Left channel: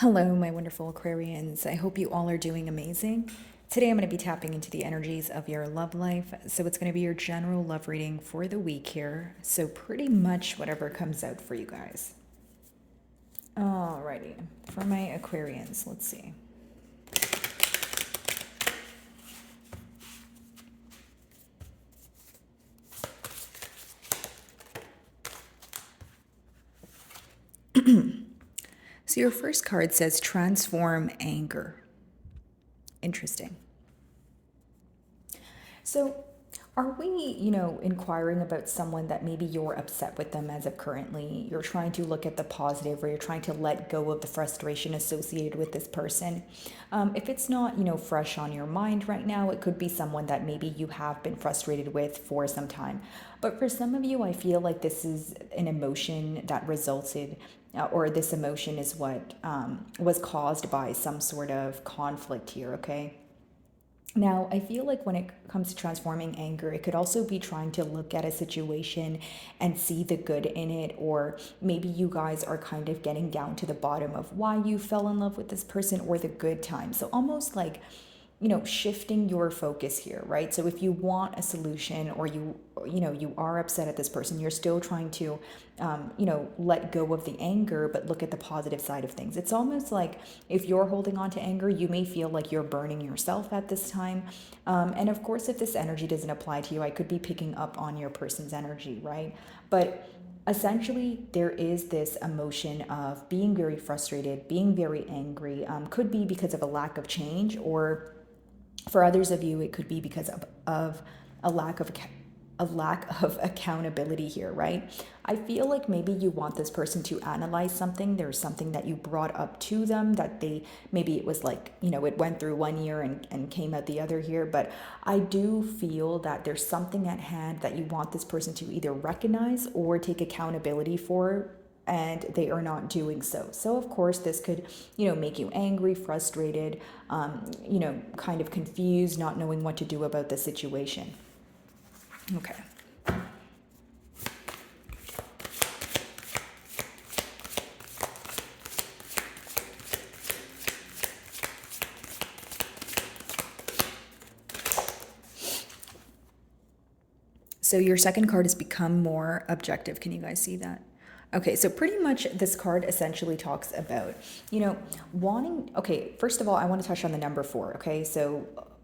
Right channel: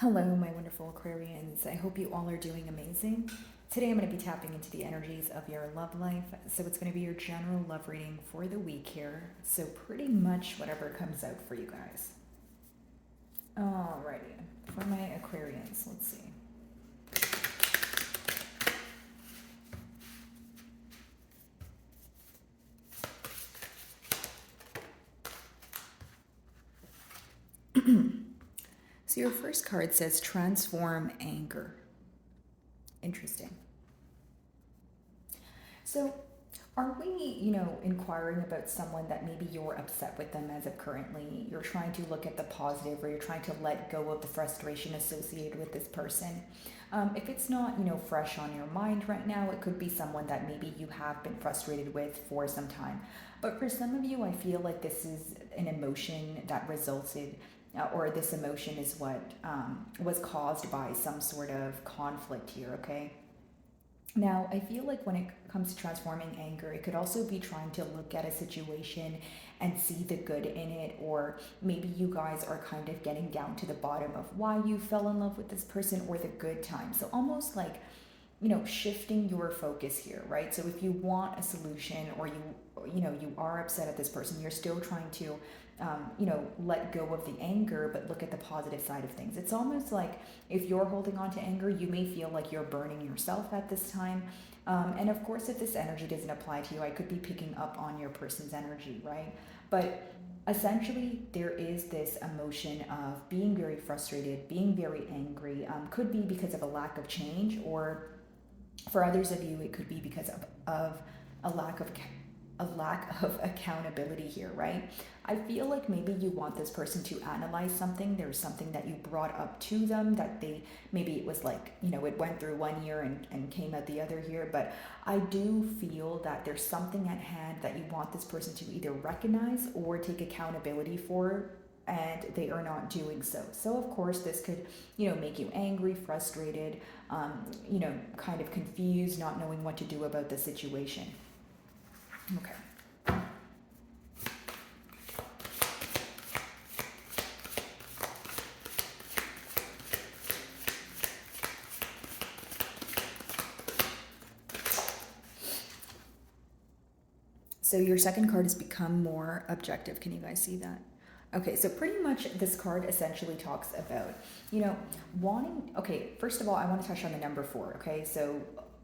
Hello, my wonderful Aquarians. I hope you all are doing amazing. Today I'm going to be tapping into the energies of your love life. So it's going to be your general love reading for the week here. So pretty much whatever comes out for you guys. Alrighty. For my Aquarians, let's see. So your first card says transform anger. Interesting. So are we, inquiring about someone that maybe you're upset with them as of currently? You're trying to look at the positive, or you're trying to let go of the frustration associated with this person. If it's not, fresh on your mind right now, it could be someone that maybe you have been frustrated with for some time. But for some of you, I feel like this is an emotion that resulted or this emotion is what was caused by some sort of conflict here, okay? Now, I feel like when it comes to transforming anger, it could also be trying to look at a situation and see the good in it, or maybe you guys are kind of getting down to the bottom of why you fell in love with this person or the good times. So almost like, shifting your focus here, right? So if you want a solution, or you are upset at this person, you're still trying to let go of the anger, but look at the positive side of things. It's almost like if you're holding on to anger, you may feel like you're burning yourself at this time. And of course, if this energy doesn't apply to you, I could be picking up on your person's energy, right? But essentially, there is this emotion of being very frustrated, being very angry. Could be because of a lack of change, or for others of you, it could be because of a lack of accountability here, right? I feel like maybe you want this person to analyze something. There's something that you brought up to them that maybe it was like, it went through one year and came out the other year. But I do feel that there's something at hand that you want this person to either recognize or take accountability for, and they are not doing so. So of course this could, make you angry, frustrated, kind of confused, not knowing what to do about the situation. Okay. So your second card has become more objective. Can you guys see that? Okay, so pretty much this card essentially talks about, wanting, okay, first of all, I want to touch on the number 4, okay? So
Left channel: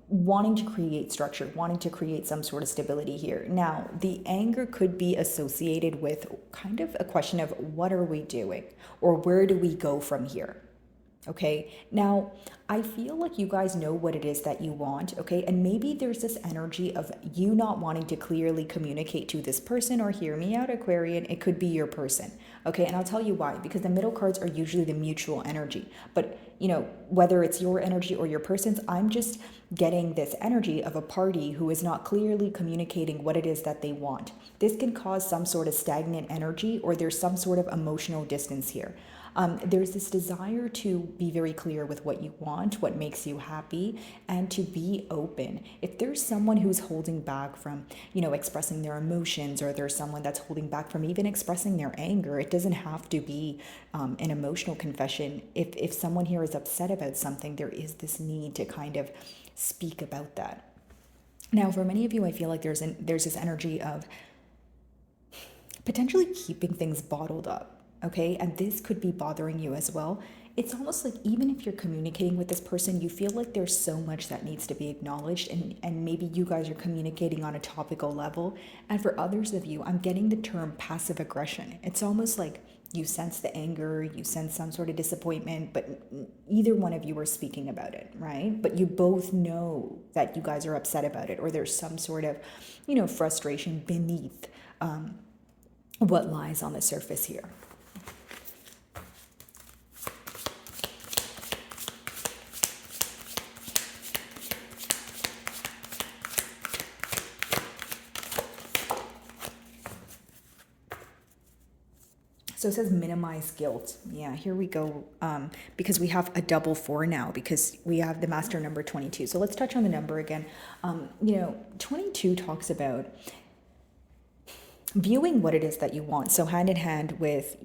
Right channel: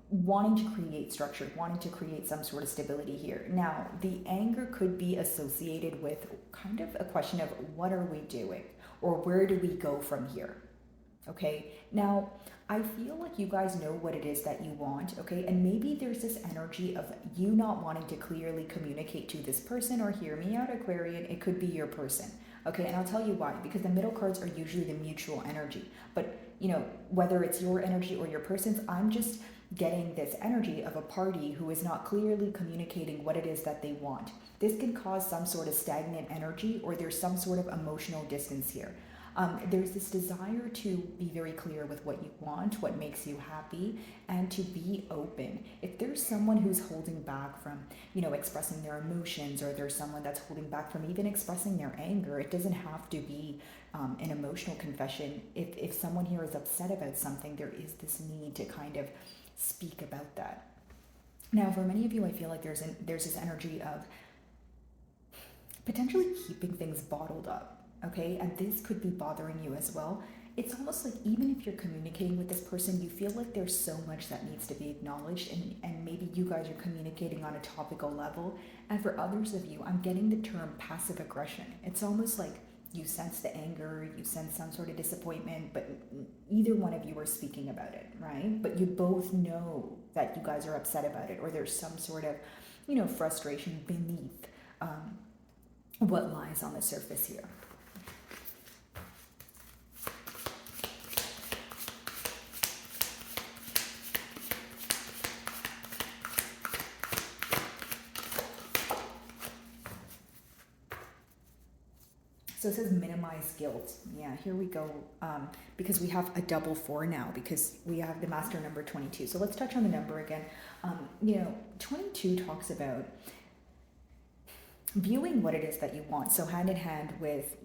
wanting to create structure, wanting to create some sort of stability here. Now, the anger could be associated with kind of a question of what are we doing, or where do we go from here? Okay, now I feel like you guys know what it is that you want, okay? And maybe there's this energy of you not wanting to clearly communicate to this person, or hear me out, Aquarian, it could be your person, okay? And I'll tell you why, because the middle cards are usually the mutual energy. But, whether it's your energy or your person's, I'm just getting this energy of a party who is not clearly communicating what it is that they want. This can cause some sort of stagnant energy, or there's some sort of emotional distance here. There's this desire to be very clear with what you want, what makes you happy, and to be open. If there's someone who's holding back from, expressing their emotions, or there's someone that's holding back from even expressing their anger, it doesn't have to be an emotional confession. If someone here is upset about something, there is this need to kind of speak about that. Now, for many of you, I feel like there's this energy of potentially keeping things bottled up. Okay, and this could be bothering you as well. It's almost like even if you're communicating with this person, you feel like there's so much that needs to be acknowledged, and maybe you guys are communicating on a topical level. And for others of you, I'm getting the term passive aggression. It's almost like you sense the anger, you sense some sort of disappointment, but either one of you are speaking about it, right? But you both know that you guys are upset about it, or there's some sort of, frustration beneath what lies on the surface here. So it says minimize guilt. Yeah, here we go. Because we have a double 4 now, because we have the master number 22. So let's touch on the number again. 22 talks about viewing what it is that you want. So hand in hand with,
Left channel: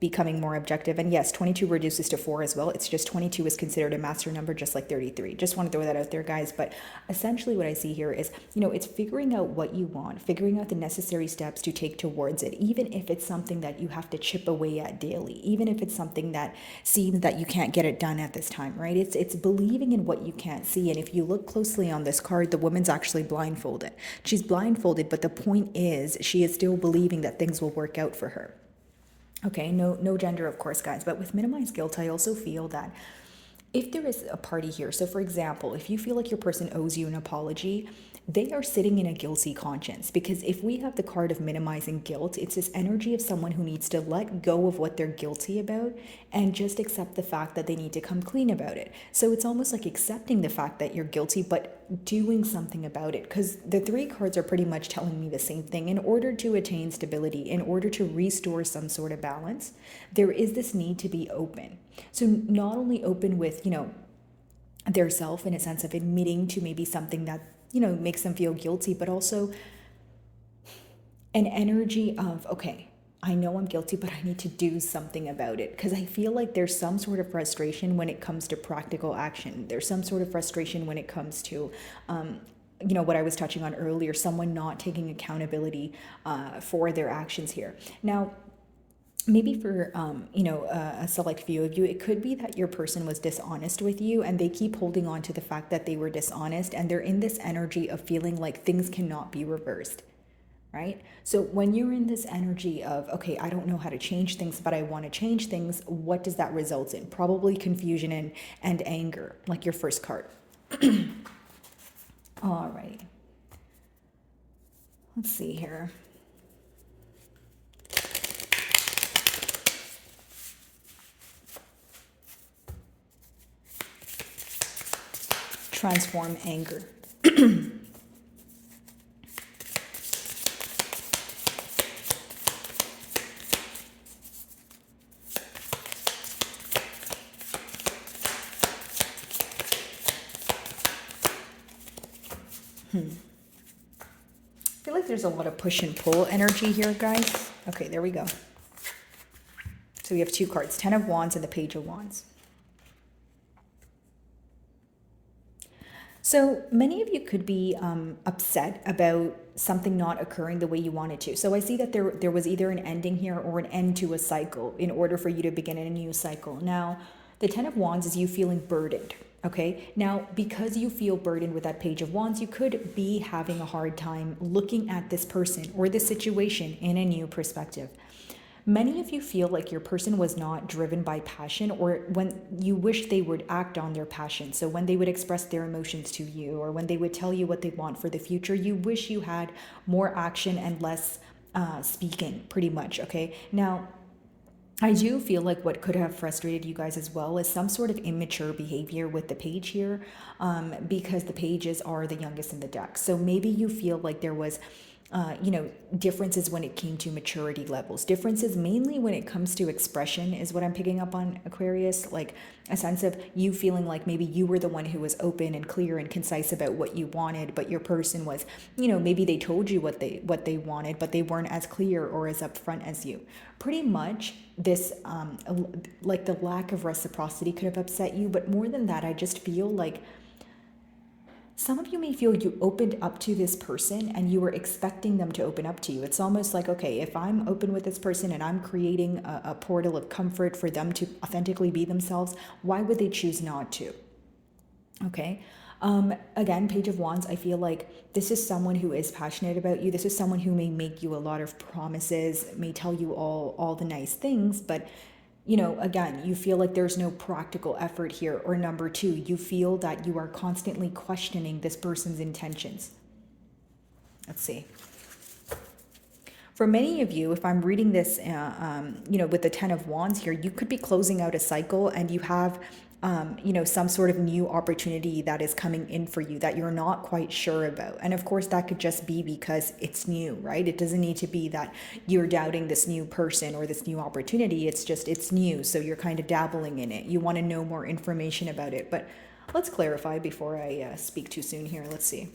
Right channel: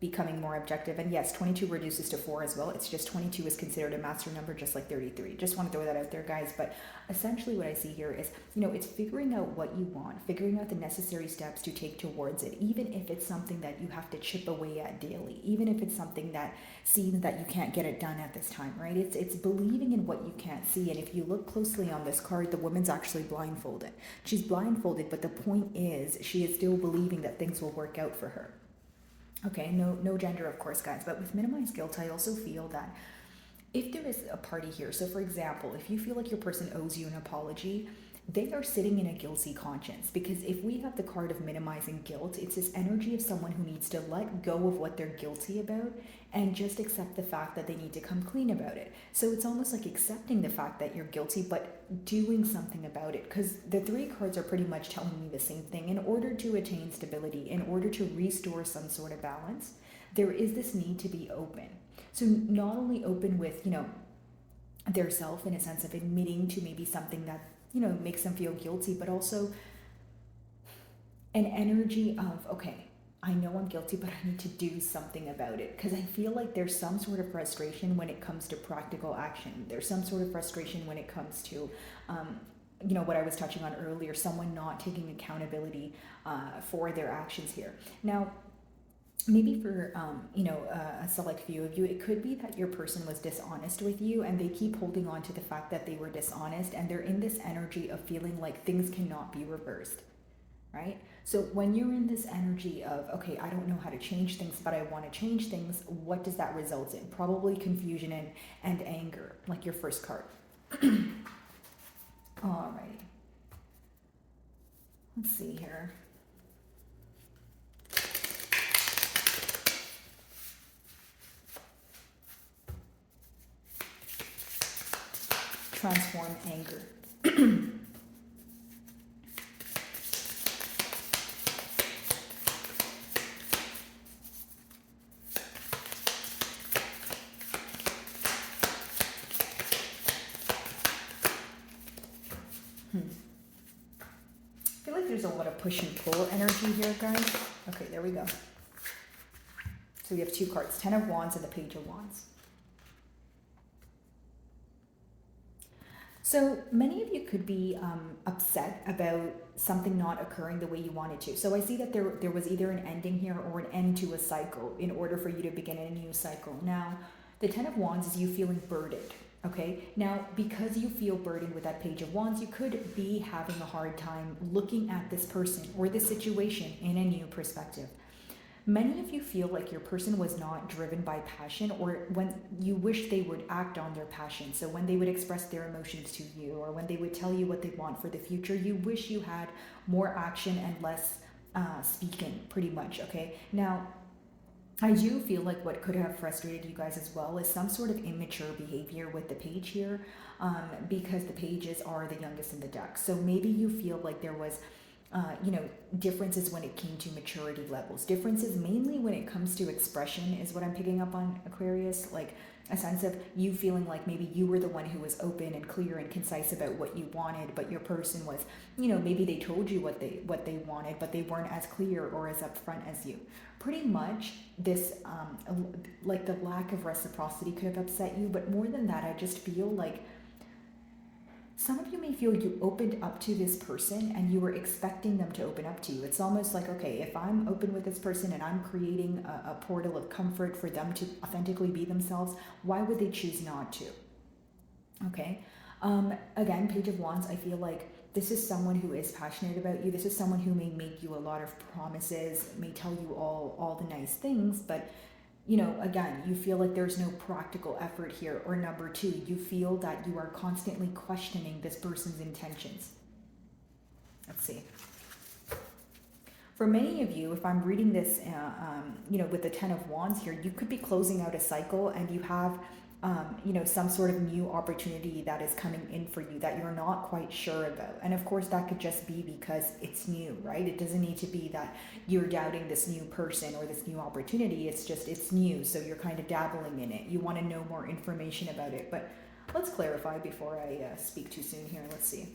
becoming more objective. And yes, 22 reduces to 4 as well. It's just 22 is considered a master number, just like 33. Just want to throw that out there, guys. But essentially what I see here is, it's figuring out what you want, figuring out the necessary steps to take towards it, even if it's something that you have to chip away at daily, even if it's something that seems that you can't get it done at this time, right? It's believing in what you can't see. And if you look closely on this card, the woman's actually blindfolded. She's blindfolded, but the point is she is still believing that things will work out for her. Okay, no gender, of course, guys. But with minimized guilt, I also feel that if there is a party here, so for example, if you feel like your person owes you an apology, they are sitting in a guilty conscience. Because if we have the card of minimizing guilt, it's this energy of someone who needs to let go of what they're guilty about and just accept the fact that they need to come clean about it. So it's almost like accepting the fact that you're guilty, but doing something about it. Because the 3 cards are pretty much telling me the same thing. In order to attain stability, in order to restore some sort of balance, there is this need to be open. So not only open with, their self in a sense of admitting to maybe something that, makes them feel guilty, but also an energy of, okay, I know I'm guilty, but I need to do something about it. Because I feel like there's some sort of frustration when it comes to practical action. There's some sort of frustration when it comes to, what I was touching on earlier, someone not taking accountability for their actions here. Now, maybe for a select few of you, it could be that your person was dishonest with you and they keep holding on to the fact that they were dishonest, and they're in this energy of feeling like things cannot be reversed, right? So when you're in this energy of, okay, I don't know how to change things, but I want to change things, what does that result in? Probably confusion and anger, like your first card. All right, let's see here. Transform anger. I feel like there's a lot of push and pull energy here, guys. Okay, there we go. So we have 2 cards, 10 of Wands and the Page of Wands. So many of you could be upset about something not occurring the way you wanted to. So I see that there was either an ending here or an end to a cycle in order for you to begin a new cycle. Now, the 10 of Wands is you feeling burdened. Okay, now because you feel burdened with that Page of Wands, you could be having a hard time looking at this person or this situation in a new perspective. Many of you feel like your person was not driven by passion, or when you wish they would act on their passion. So when they would express their emotions to you, or when they would tell you what they want for the future, you wish you had more action and less speaking, pretty much. Okay, now I do feel like what could have frustrated you guys as well is some sort of immature behavior with the page here, because the pages are the youngest in the deck. So maybe you feel like there was differences when it came to maturity levels. Differences mainly when it comes to expression is what I'm picking up on, Aquarius. Like a sense of you feeling like maybe you were the one who was open and clear and concise about what you wanted, but your person was, maybe they told you what they wanted, but they weren't as clear or as upfront as you. Pretty much this, like the lack of reciprocity could have upset you. But more than that, I just feel like some of you may feel you opened up to this person and you were expecting them to open up to you. It's almost like, okay, if I'm open with this person and I'm creating a portal of comfort for them to authentically be themselves, why would they choose not to? Okay. Again, Page of Wands, I feel like this is someone who is passionate about you. This is someone who may make you a lot of promises, may tell you all the nice things, but again, you feel like there's no practical effort here. Or number 2, you feel that you are constantly questioning this person's intentions. Let's see. For many of you, if I'm reading this, with the 10 of Wands here, you could be closing out a cycle and you have, some sort of new opportunity that is coming in for you that you're not quite sure about. And of course, that could just be because it's new, right? It doesn't need to be that you're doubting this new person or this new opportunity. It's just, it's new. So you're kind of dabbling in it. You want to know more information about it. But let's clarify before I speak too soon here. Let's see.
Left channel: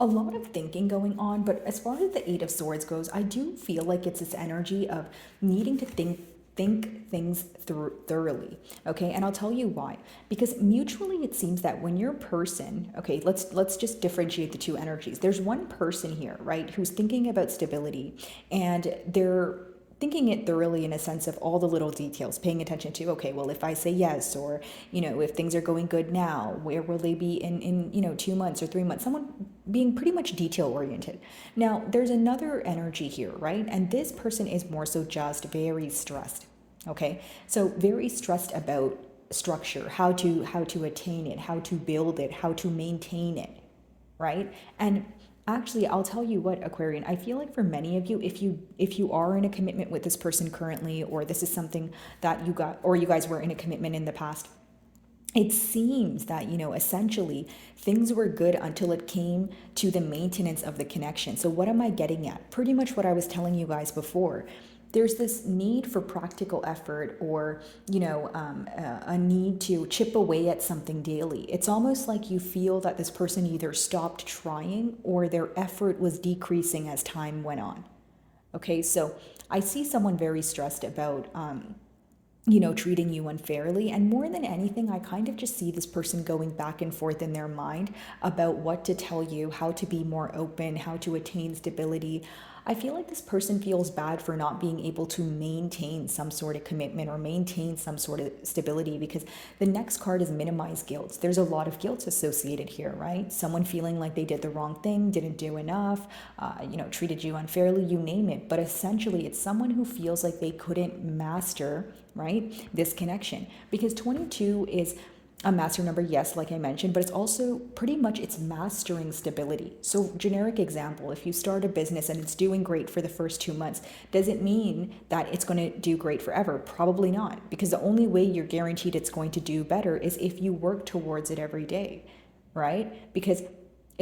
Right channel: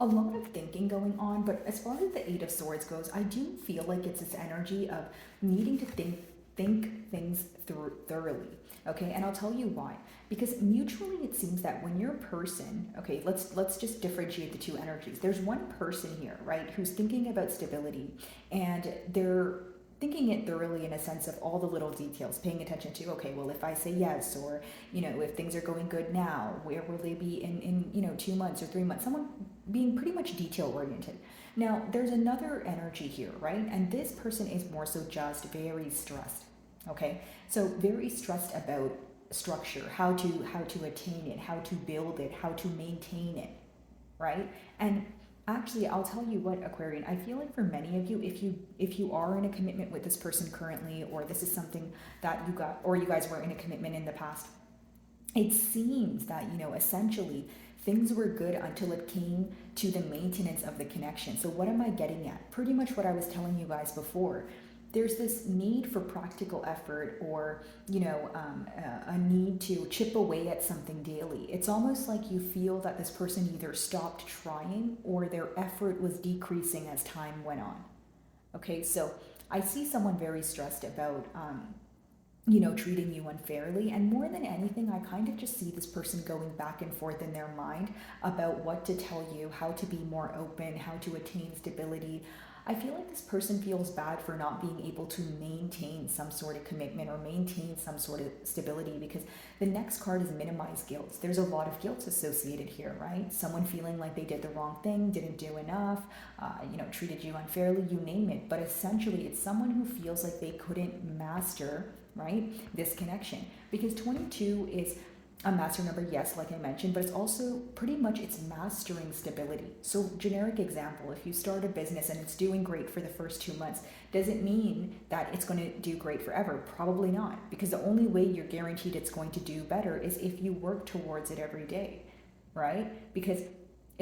a lot of thinking going on, but as far as the Eight of Swords goes, I do feel like it's this energy of needing to think things through thoroughly. Okay, and I'll tell you why. Because mutually it seems that when your person, okay, let's just differentiate the two energies. There's one person here, right, who's thinking about stability, and they're thinking it thoroughly in a sense of all the little details, paying attention to, okay, well, if I say yes, or if things are going good now, where will they be in 2 months or 3 months? Someone being pretty much detail oriented. Now there's another energy here, right, and this person is more so just very stressed. Okay, so very stressed about structure, how to attain it, how to build it, how to maintain it, right? And actually, I'll tell you what, Aquarian, I feel like for many of you, if you are in a commitment with this person currently, or this is something that you got, or you guys were in a commitment in the past, it seems that essentially things were good until it came to the maintenance of the connection. So what am I getting at? Pretty much what I was telling you guys before. There's this need for practical effort, or a need to chip away at something daily. It's almost like you feel that this person either stopped trying or their effort was decreasing as time went on. Okay, so I see someone very stressed about treating you unfairly. And more than anything, I kind of just see this person going back and forth in their mind about what to tell you, how to be more open, how to attain stability. I feel like this person feels bad for not being able to maintain some sort of commitment or maintain some sort of stability, because the next card is minimize guilt. There's a lot of guilt associated here, right? Someone feeling like they did the wrong thing, didn't do enough, treated you unfairly, you name it. But essentially, it's someone who feels like they couldn't master, right, this connection, because 22 is a master number, yes, like I mentioned, but it's also pretty much it's mastering stability. So generic example, if you start a business and it's doing great for the first 2 months, does it mean that it's going to do great forever? Probably not, because the only way you're guaranteed it's going to do better is if you work towards it every day, right? Because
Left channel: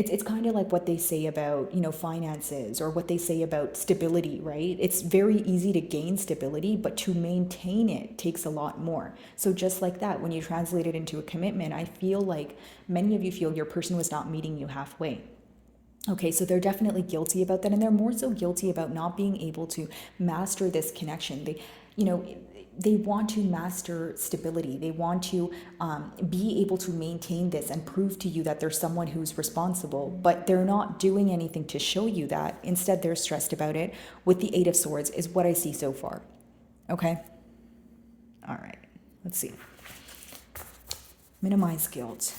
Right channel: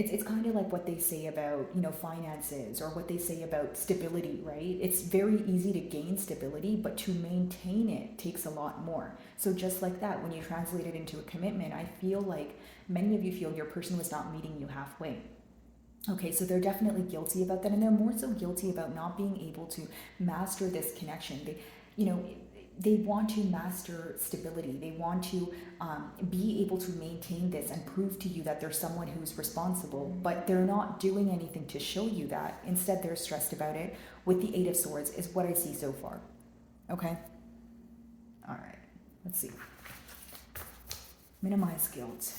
it's kind of like what they say about finances, or what they say about stability, right? It's very easy to gain stability, but to maintain it takes a lot more. So just like that, when you translate it into a commitment, I feel like many of you feel your person was not meeting you halfway. Okay, so they're definitely guilty about that, and they're more so guilty about not being able to master this connection. They want to master stability. They want to be able to maintain this and prove to you that there's someone who's responsible, but they're not doing anything to show you that. Instead, they're stressed about it. With the Eight of Swords is what I see so far. Okay? All right. Let's see. Minimize guilt.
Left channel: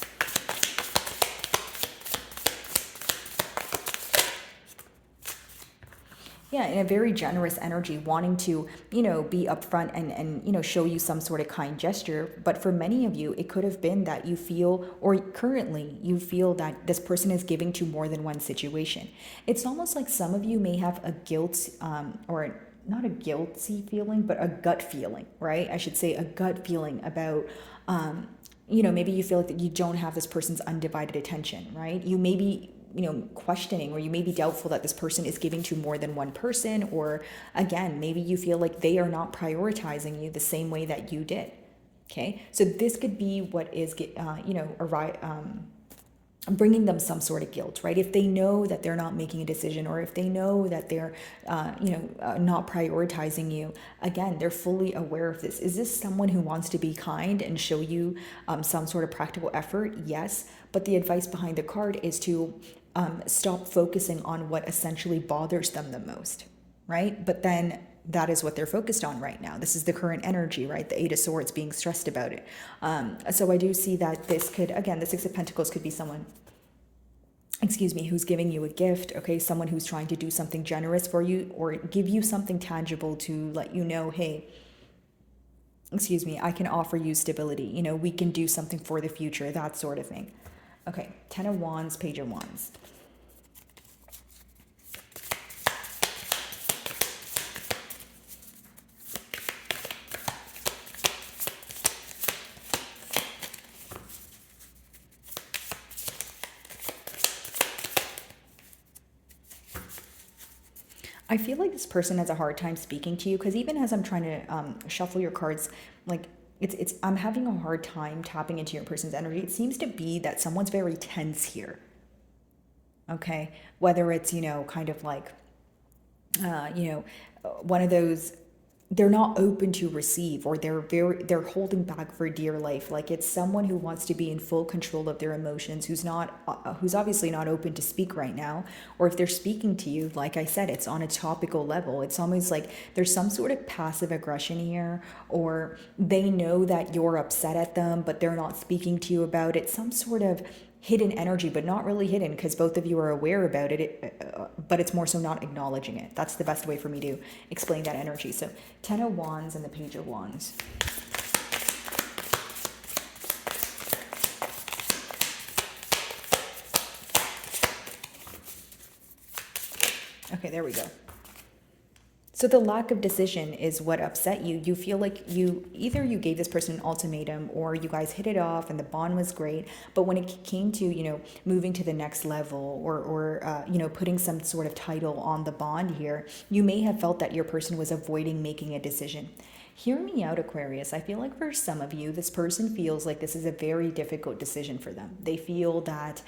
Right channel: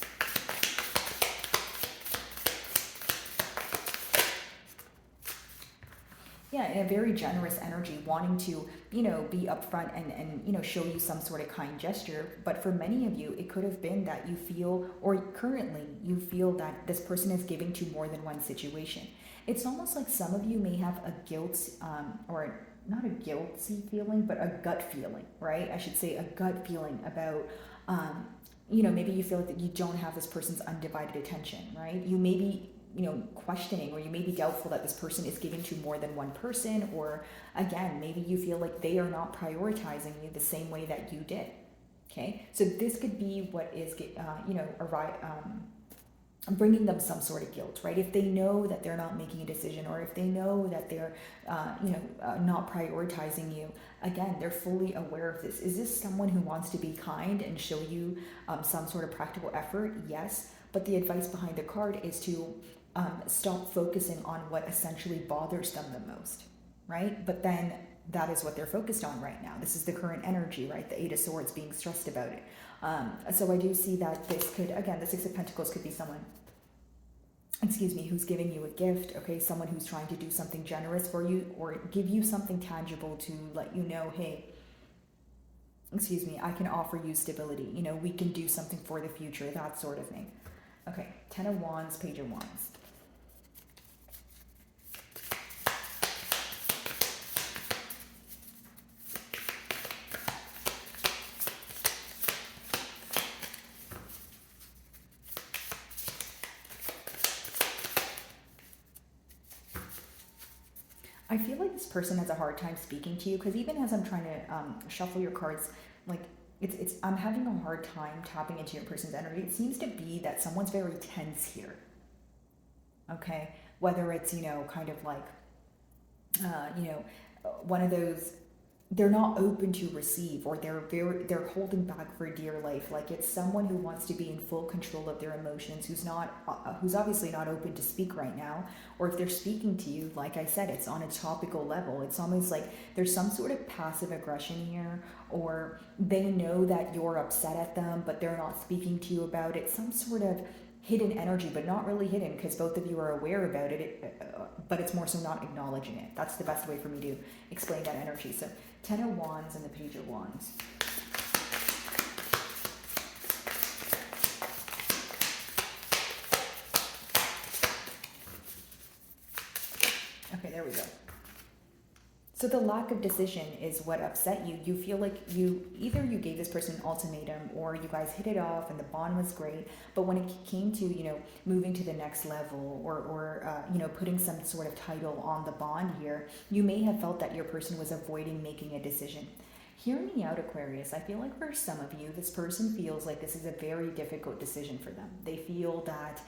Yeah, in a very generous energy, wanting to, be upfront and show you some sort of kind gesture. But for many of you, it could have been that you feel, or currently you feel, that this person is giving to more than one situation. It's almost like some of you may have a guilt, or not a guilty feeling, but a gut feeling, right? I should say a gut feeling about, maybe you feel like that you don't have this person's undivided attention, right? You may be questioning, or you may be doubtful that this person is giving to more than one person, or again, maybe you feel like they are not prioritizing you the same way that you did. Okay, so this could be what is bringing them some sort of guilt, right? If they know that they're not making a decision, or if they know that they're not prioritizing you, again, they're fully aware of this. Is this someone who wants to be kind and show you some sort of practical effort? Yes, but the advice behind the card is to stop focusing on what essentially bothers them the most, right? But then that is what they're focused on right now. This is the current energy, right? The Eight of Swords, being stressed about it. So I do see that this could, again, the Six of Pentacles could be someone, who's giving you a gift, okay? Someone who's trying to do something generous for you, or give you something tangible to let you know, hey, I can offer you stability. We can do something for the future, that sort of thing. Okay, Ten of Wands, Page of Wands. I feel like this person has a hard time speaking to you, because even as I'm trying to shuffle your cards, like it's I'm having a hard time tapping into your person's energy. It seems to be that someone's very tense here. Okay. Whether it's, kind of like, one of those, they're not open to receive, or they're holding back for dear life. Like it's someone who wants to be in full control of their emotions, who's obviously not open to speak right now. Or if they're speaking to you, like I said, it's on a topical level. It's almost like there's some sort of passive aggression here, or they know that you're upset at them but they're not speaking to you about it. Some sort of hidden energy, but not really hidden because both of you are aware about but it's more so not acknowledging it. That's the best way for me to explain that energy. So 10 of Wands and the Page of Wands. Okay, there we go. So the lack of decision is what upset you. You feel like you gave this person an ultimatum, or you guys hit it off and the bond was great. But when it came to, moving to the next level, or putting some sort of title on the bond here, you may have felt that your person was avoiding making a decision. Hear me out, Aquarius. I feel like for some of you, this person feels like this is a very difficult decision for them. They feel that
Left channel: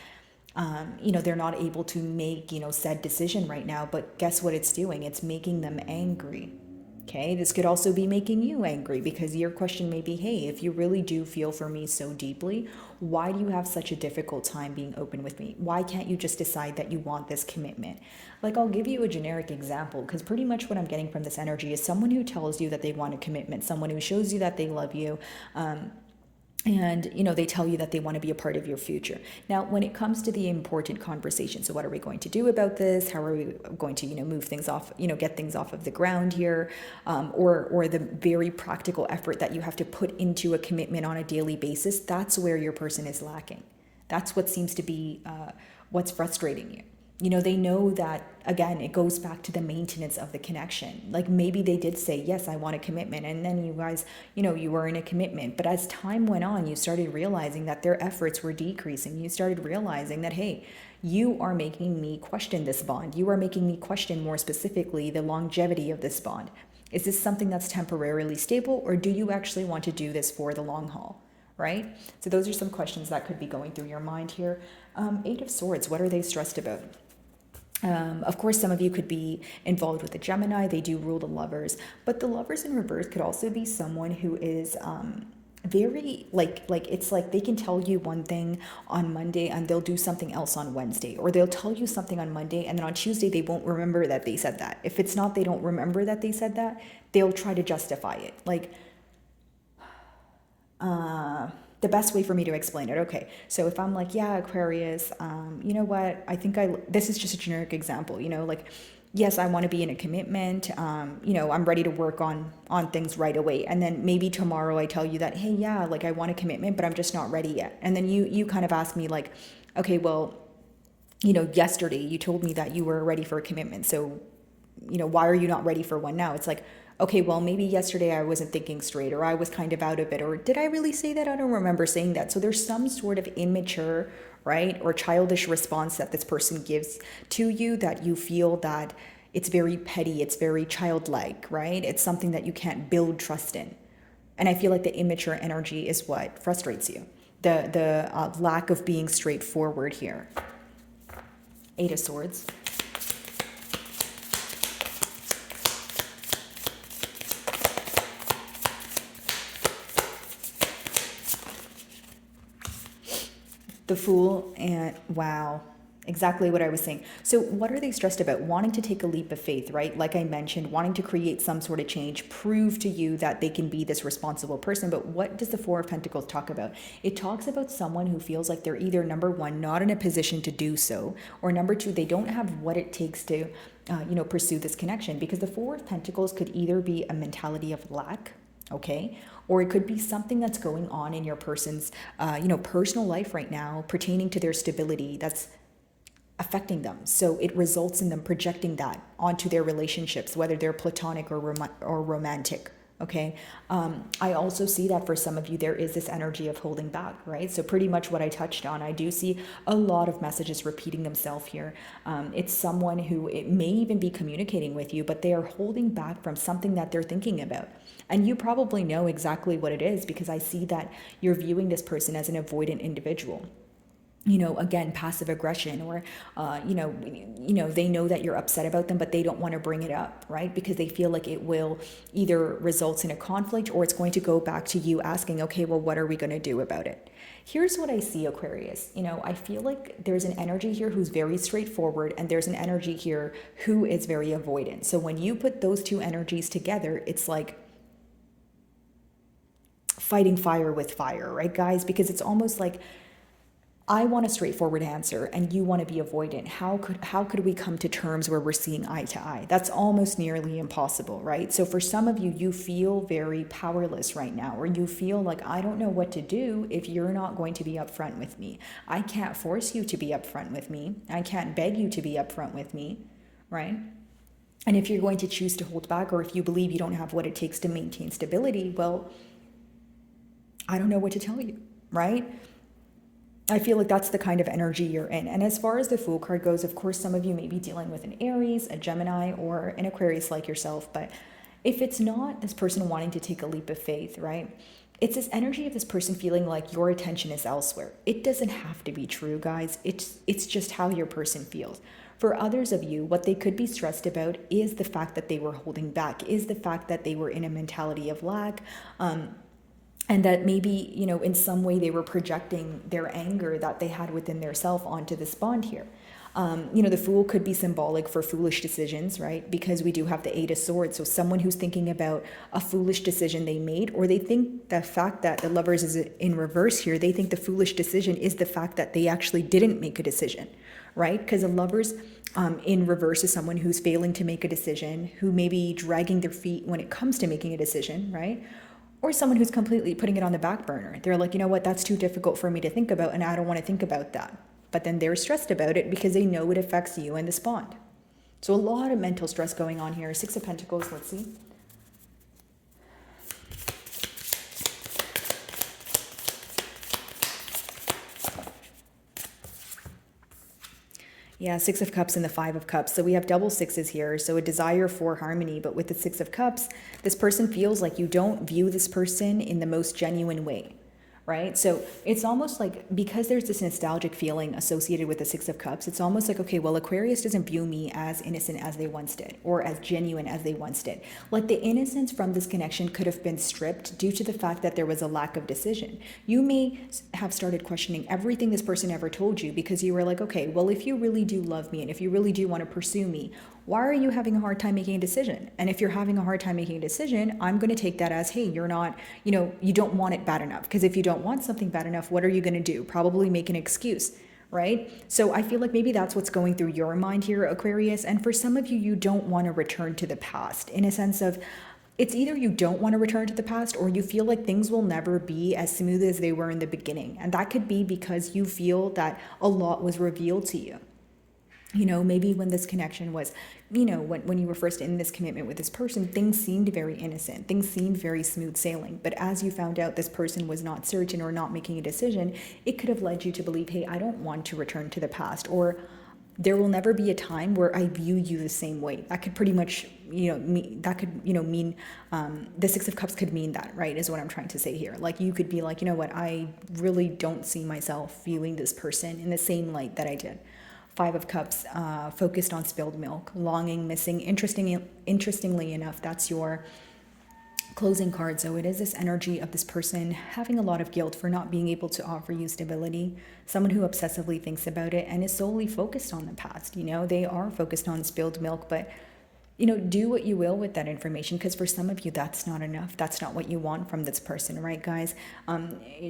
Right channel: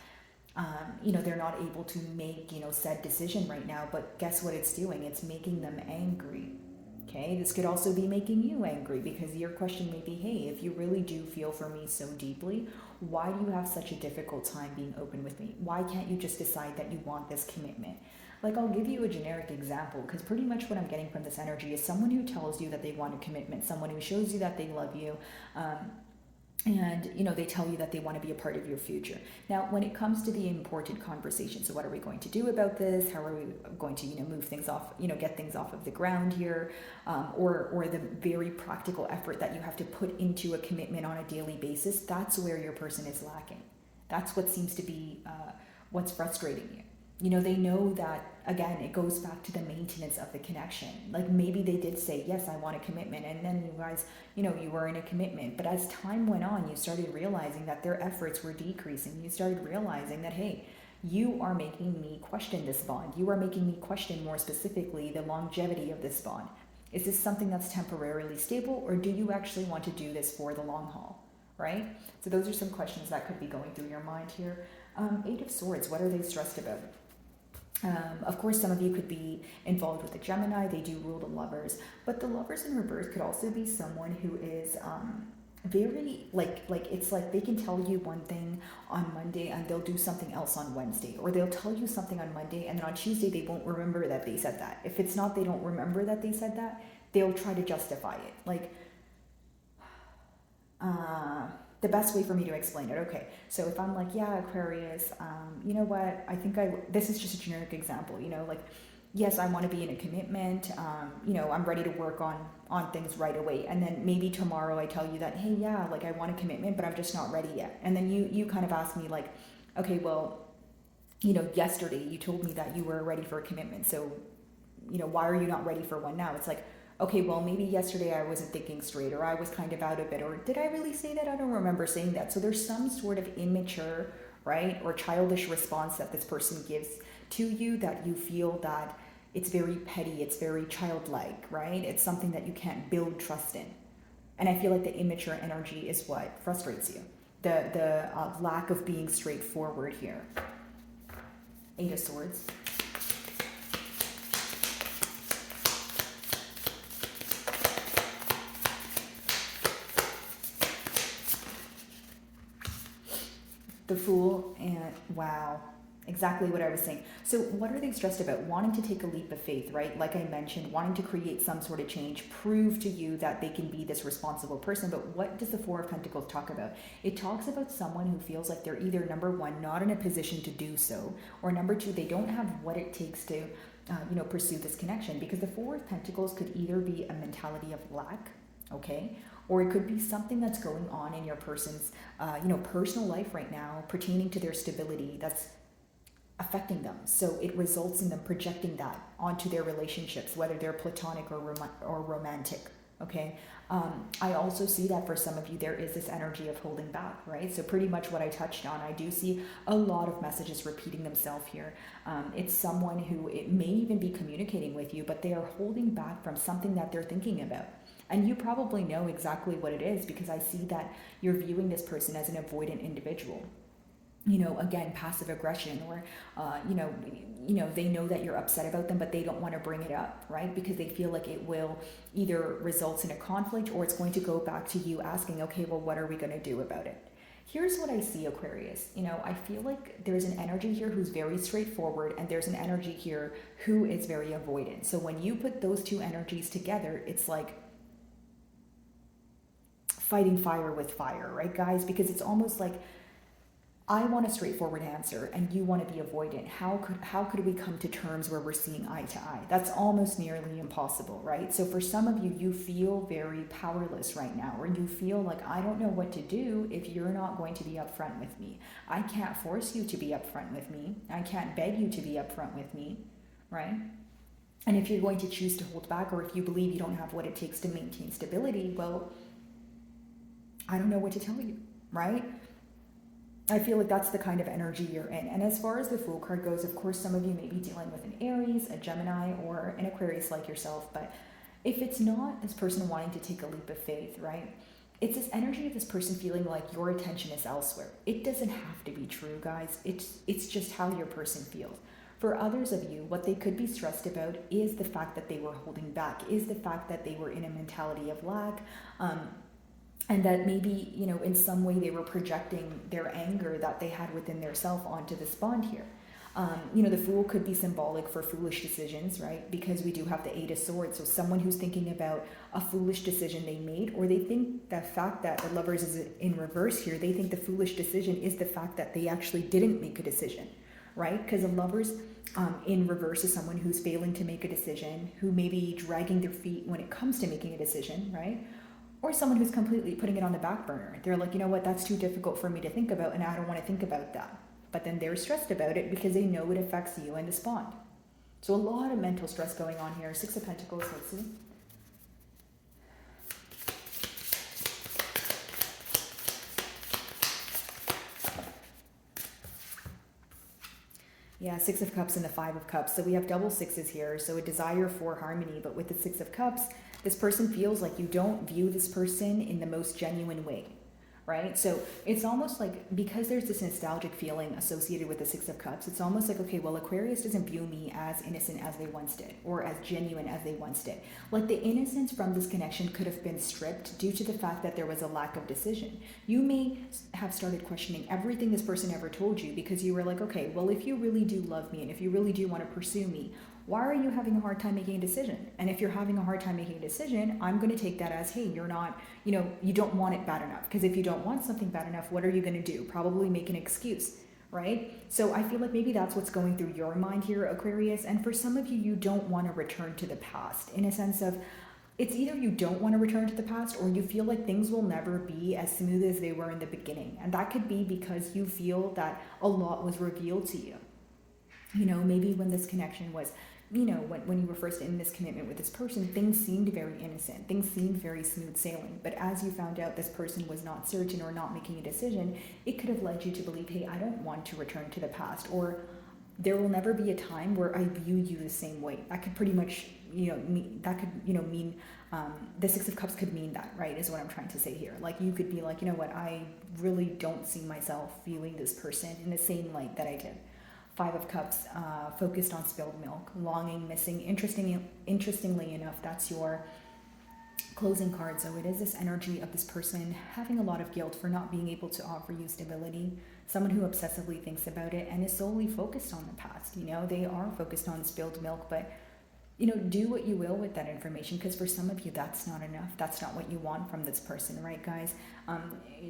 they're not able to make, said decision right now, but guess what it's doing? It's making them angry. Okay, this could also be making you angry, because your question may be, hey, if you really do feel for me so deeply, why do you have such a difficult time being open with me? Why can't you just decide that you want this commitment? Like, I'll give you a generic example, because pretty much what I'm getting from this energy is someone who tells you that they want a commitment, someone who shows you that they love you, and they tell you that they want to be a part of your future. Now, when it comes to the important conversation, so what are we going to do about this? How are we going to move things off, get things off of the ground here, or the very practical effort that you have to put into a commitment on a daily basis? That's where your person is lacking. That's what seems to be what's frustrating you. They know that, again, it goes back to the maintenance of the connection. Like, maybe they did say, yes, I want a commitment. And then you guys, you were in a commitment. But as time went on, you started realizing that their efforts were decreasing. You started realizing that, hey, you are making me question this bond. You are making me question, more specifically, the longevity of this bond. Is this something that's temporarily stable, or do you actually want to do this for the long haul? Right? So those are some questions that could be going through your mind here. 8 of Swords, what are they stressed about? Of course, some of you could be involved with a Gemini. They do rule the Lovers, but the Lovers in reverse could also be someone who is very like it's like they can tell you one thing on Monday and they'll do something else on Wednesday, or they'll tell you something on Monday and then on Tuesday they won't remember that they said that. If it's not they don't remember that they said that, they'll try to justify it. Like, the best way for me to explain it. Okay, so if I'm like, yeah, Aquarius, you know what? This is just a generic example, like, yes, I want to be in a commitment. I'm ready to work on things right away. And then maybe tomorrow I tell you that, hey, yeah, like I want a commitment, but I'm just not ready yet. And then you kind of ask me like, okay, well, yesterday you told me that you were ready for a commitment. So, why are you not ready for one now? It's like, okay, well, maybe yesterday I wasn't thinking straight, or I was kind of out of it, or did I really say that? I don't remember saying that. So there's some sort of immature, right, or childish response that this person gives to you that you feel that it's very petty, it's very childlike, right? It's something that you can't build trust in. And I feel like the immature energy is what frustrates you. The lack of being straightforward here. 8 of Swords. The Fool, and wow, exactly what I was saying. So what are they stressed about? Wanting to take a leap of faith, right? Like I mentioned, wanting to create some sort of change, prove to you that they can be this responsible person. But what does the Four of Pentacles talk about? It talks about someone who feels like they're either, number one, not in a position to do so, or number two, they don't have what it takes to pursue this connection. Because the Four of Pentacles could either be a mentality of lack, okay, or it could be something that's going on in your person's personal life right now pertaining to their stability that's affecting them. So it results in them projecting that onto their relationships, whether they're platonic or romantic. Okay. I also see that for some of you, there is this energy of holding back, right? So pretty much what I touched on, I do see a lot of messages repeating themselves here. It's someone who, it may even be communicating with you, but they are holding back from something that they're thinking about. And you probably know exactly what it is, because I see that you're viewing this person as an avoidant individual. again, passive aggression, or they know that you're upset about them, but they don't want to bring it up, right? Because they feel like it will either result in a conflict, or it's going to go back to you asking, okay, well, what are we going to do about it? Here's what I see, Aquarius. I feel like there's an energy here who's very straightforward, and there's an energy here who is very avoidant. So when you put those two energies together, it's like fighting fire with fire, right, guys? Because it's almost like, I want a straightforward answer and you want to be avoidant. How could we come to terms where we're seeing eye to eye? That's almost nearly impossible, right? So for some of you, you feel very powerless right now, or you feel like, I don't know what to do if you're not going to be upfront with me. I can't force you to be upfront with me. I can't beg you to be upfront with me, right? And if you're going to choose to hold back, or if you believe you don't have what it takes to maintain stability, well, I don't know what to tell you, right? I feel like that's the kind of energy you're in. And as far as the Fool card goes, of course, some of you may be dealing with an Aries, a Gemini, or an Aquarius like yourself. But if it's not this person wanting to take a leap of faith, right? It's this energy of this person feeling like your attention is elsewhere. It doesn't have to be true, guys. It's just how your person feels. For others of you, what they could be stressed about is the fact that they were holding back, is the fact that they were in a mentality of lack. And that maybe, in some way they were projecting their anger that they had within their self onto this bond here. The Fool could be symbolic for foolish decisions, right? Because we do have the Eight of Swords. So someone who's thinking about a foolish decision they made, or they think the fact that the Lovers is in reverse here, they think the foolish decision is the fact that they actually didn't make a decision, right? Because the Lovers in reverse is someone who's failing to make a decision, who may be dragging their feet when it comes to making a decision, right? Or someone who's completely putting it on the back burner. They're like, you know what, that's too difficult for me to think about, and I don't want to think about that. But then they're stressed about it because they know it affects you and this bond. So a lot of mental stress going on here. Six of Pentacles, let's see. Yeah, Six of Cups and the Five of Cups. So we have double sixes here. So a desire for harmony. But with the Six of Cups, this person feels like you don't view this person in the most genuine way, right? So it's almost like, because there's this nostalgic feeling associated with the Six of Cups, it's almost like, okay, well, Aquarius doesn't view me as innocent as they once did, or as genuine as they once did. Like, the innocence from this connection could have been stripped due to the fact that there was a lack of decision. You may have started questioning everything this person ever told you, because you were like, okay, well, if you really do love me and if you really do want to pursue me, why are you having a hard time making a decision? And if you're having a hard time making a decision, I'm going to take that as, hey, you're not, you don't want it bad enough. Because if you don't want something bad enough, what are you going to do? Probably make an excuse, right? So I feel like maybe that's what's going through your mind here, Aquarius. And for some of you, you don't want to return to the past, in a sense of, it's either you don't want to return to the past, or you feel like things will never be as smooth as they were in the beginning. And that could be because you feel that a lot was revealed to you. Maybe when this connection was, when you were first in this commitment with this person, things seemed very innocent. Things seemed very smooth sailing. But as you found out this person was not certain or not making a decision, it could have led you to believe, hey, I don't want to return to the past, or there will never be a time where I view you the same way. That could pretty much, mean the Six of Cups could mean that, right, is what I'm trying to say here. Like, you could be like, you know what, I really don't see myself viewing this person in the same light that I did. Five of Cups, focused on spilled milk, longing, missing. Interestingly enough, that's your closing card. So it is this energy of this person having a lot of guilt for not being able to offer you stability. Someone who obsessively thinks about it and is solely focused on the past. They are focused on spilled milk, but do what you will with that information, because for some of you, that's not enough. That's not what you want from this person, right, guys?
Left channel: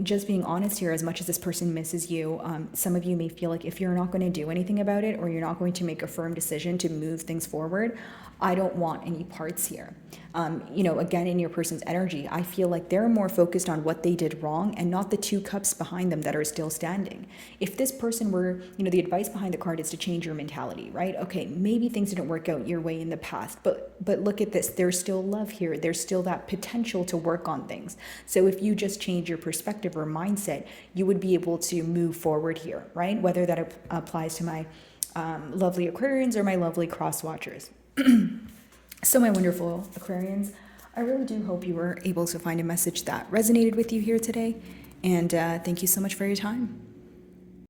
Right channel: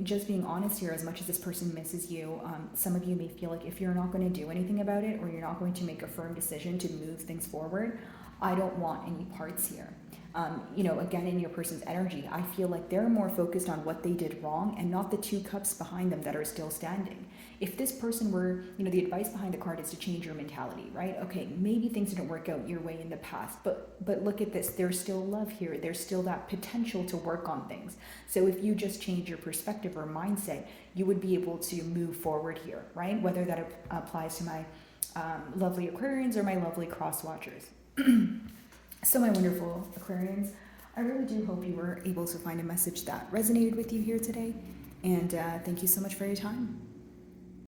Just being honest here, as much as this person misses you, some of you may feel like if you're not going to do anything about it, or you're not going to make a firm decision to move things forward, I don't want any parts here. Again, in your person's energy, I feel like they're more focused on what they did wrong and not the two cups behind them that are still standing. If this person were, the advice behind the card is to change your mentality, right? Okay, maybe things didn't work out your way in the past, but look at this. There's still love here. There's still that potential to work on things. So if you just change your perspective or mindset, you would be able to move forward here, right? Whether that applies to my lovely Aquarians or my lovely cross watchers. So my wonderful Aquarians, I really do hope you were able to find a message that resonated with you here today. And thank you so much for your time.